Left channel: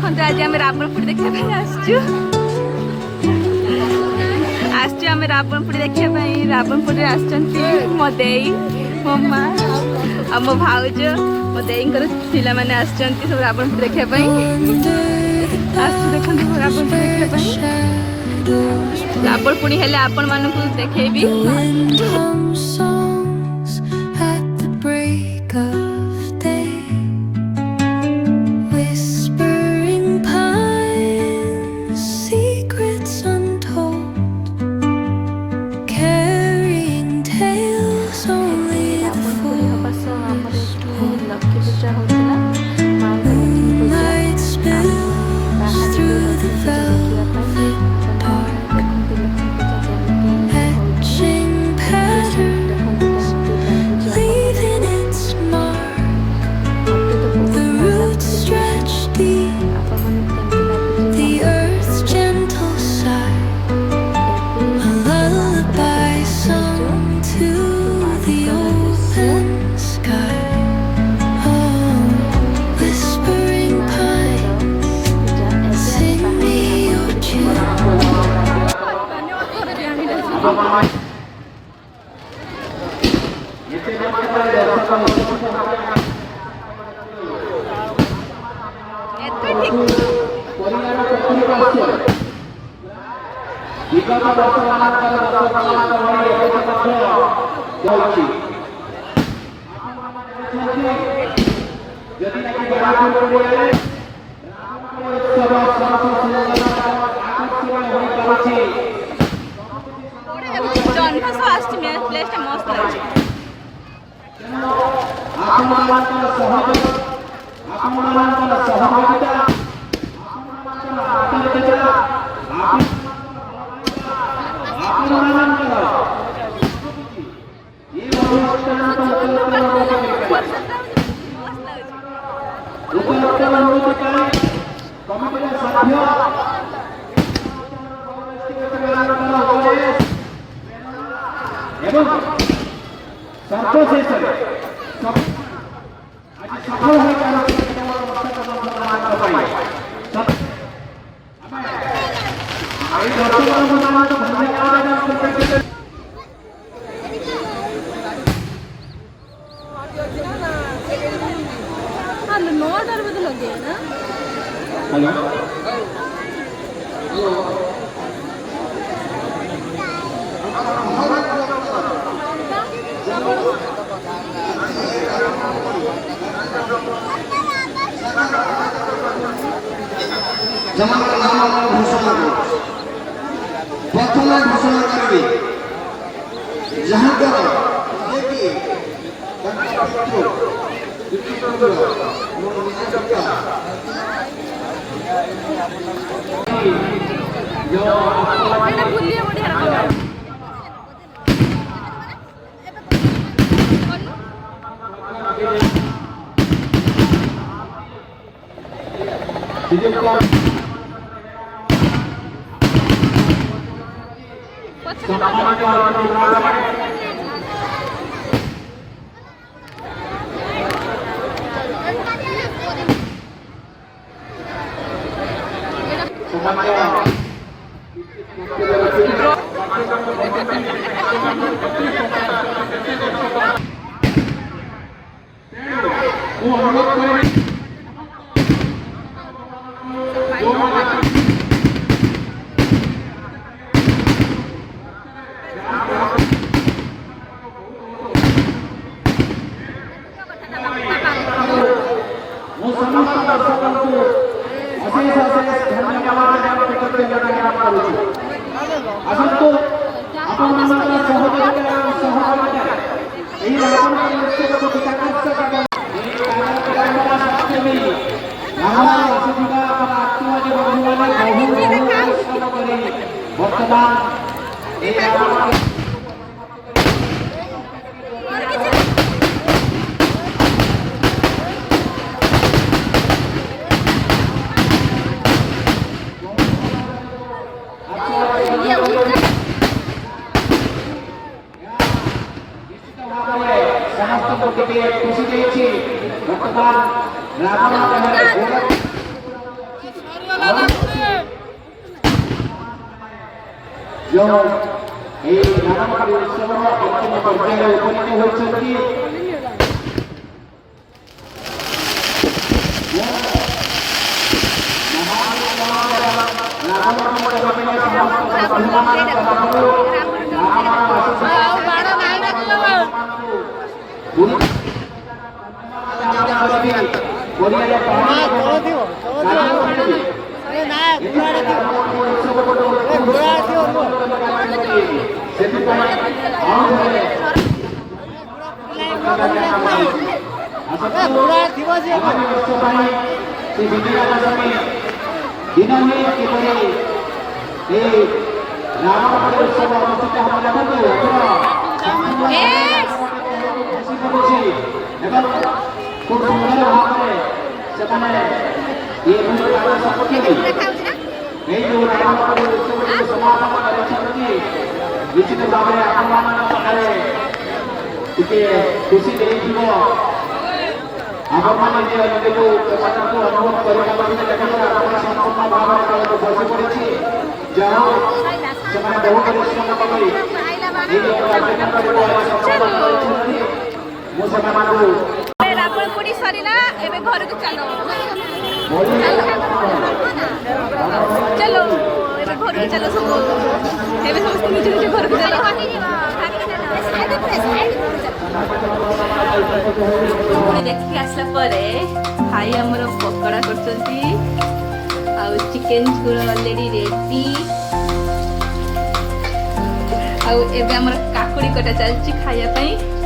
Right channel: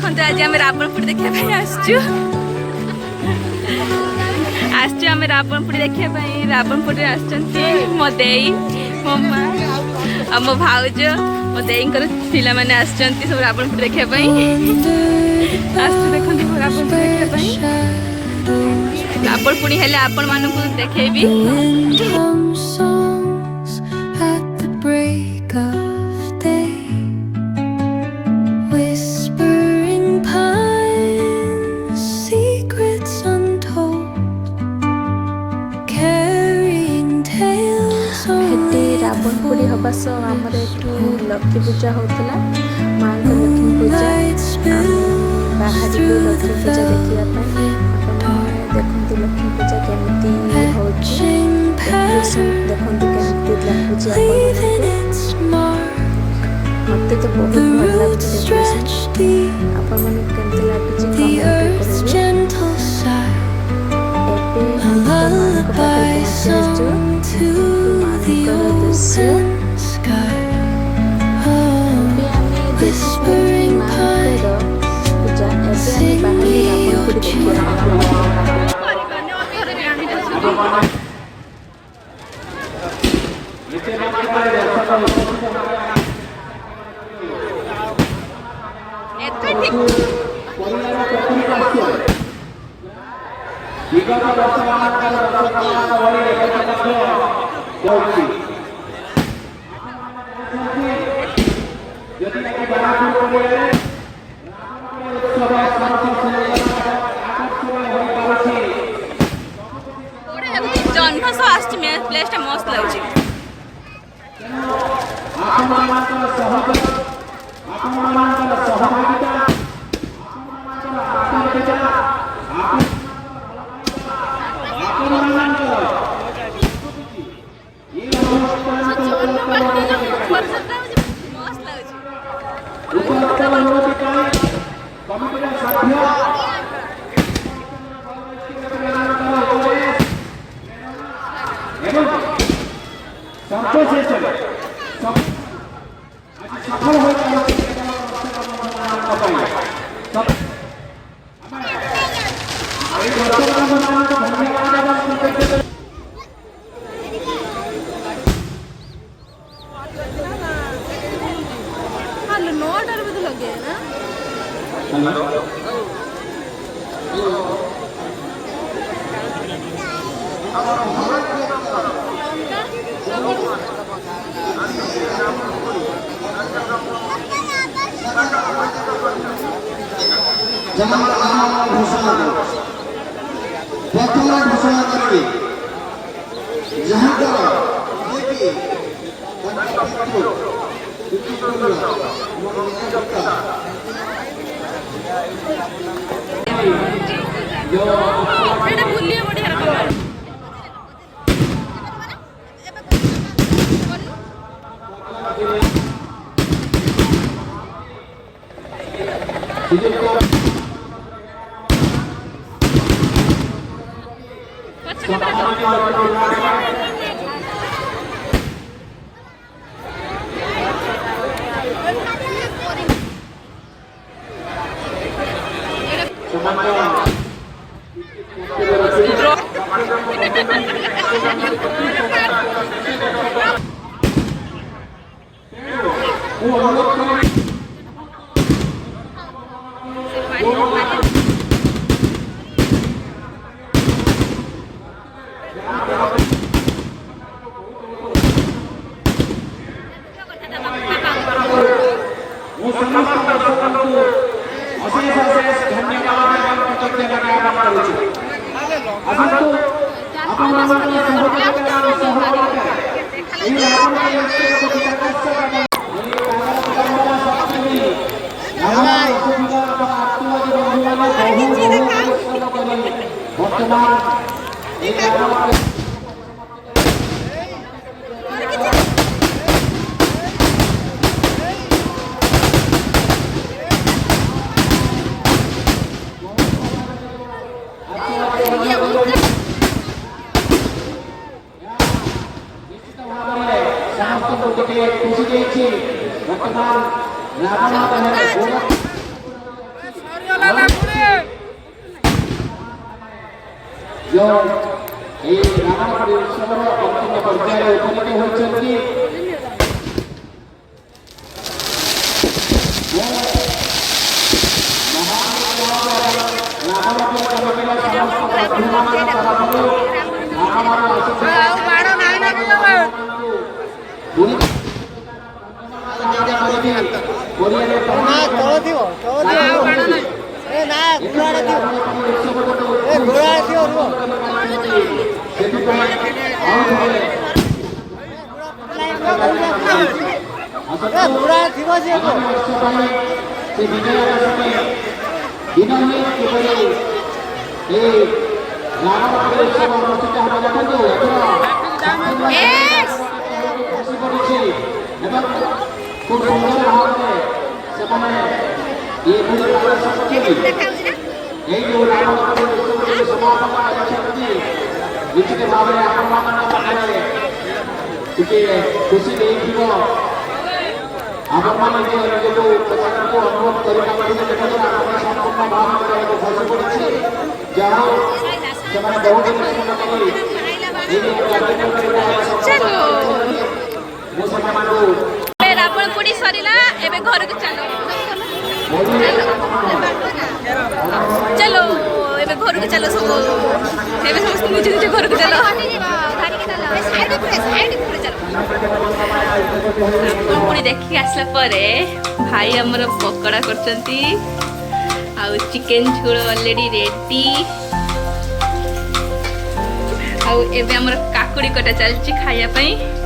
देखो आज आम रावणपुर देखा आसचु आम रावणपुर देखा रावणपुर मो देई मो माँ आ मो भाउज मो देई पिला मैंने सब रावणपुर देखा देखो रावणपुर देखा रावणपुर हेले आपण मानक देखेबी लक्ष्मी पूजा होता माँ लक्ष्मी पूजा बाहर लक्ष्मी पूजा देखने देखते लक्ष्मी पूजा केमती देखते मत तो बहुत भल लगे आपण मन केमती Whispering pine, sing me your tune. विगत वर्ष मानकर रथकलाकार भଳି ଏବେ ମଧ୍ୟ ରହିଛି ଯଦି ଆଜି ବାରାପୁର ପଡ଼ିଆରେ ଉତ୍ସବ ସରସ ସୁନ୍ଦର ଆକର୍ଷଣୀୟ ହୋଇପାରୁଛି ଜହ୍ନ ସହ ଆସିଛି ପ୍ଲେସଟା ମସ୍ତ ଲାଗୁଛି ଆପଣମାନଙ୍କର ସହଯୋଗ ଆପଣମାନଙ୍କର ସହଭାଗିତା ଆପଣମାନଙ୍କର ଆନ୍ତରିକତା ଆପଣମାନଙ୍କର ଏ ଅନୁଷ୍ଠାନକୁ ଉତ୍ତରୋତ୍ତର ଉନ୍ନତି ପାଇଁ କମିଟିର ସଭ୍ୟ ଏବଂ ସର୍ବଶେଷରେ ଆଜି ସଫଳ ହୋଇପାରୁଛି କେବଳ ଦର୍ଶକ ବନ୍ଧୁମାନଙ୍କ ପାଇଁ ଆମେ এই দর্শক বন্ধুମାନଙ୍କୁ ଧନ୍ୟବାଦ ଏବଂ କୃତଜ୍ଞତା प्रथम घोषणा करेंगे जहाँकर वर्तमान समस्त को खुशी वर्तमान रावण जो ये रावणपुरी उत्सव अंतिम पर्याय उपनीत होती विजयादशमी दिन ही किपरि रावणपुरी उत्सव अनुष्ठित हम देखु खूब सुंदर भाव में ये जो रावणपुरी उत्सव जो समापन कर निश्चित भाव में आपे खुशी देखो आपण निजको पोषाक को अनुभव करने संपूर्ण भाव में बसी पड़ी जहाँ से बहुत परिश्रम कर रावण पोड़ी सरीला एबे घर को चलो चलो एबे घर को चलो सब एबे समस्त निज निज घर को चलो पुणी देखिक आसला परे भाई हमर पकोड़ा करचंती आउ चिकन झोल ऑलरेडी रेडी आउ एबे हमर काकुड़ी कटा चलची खाया पई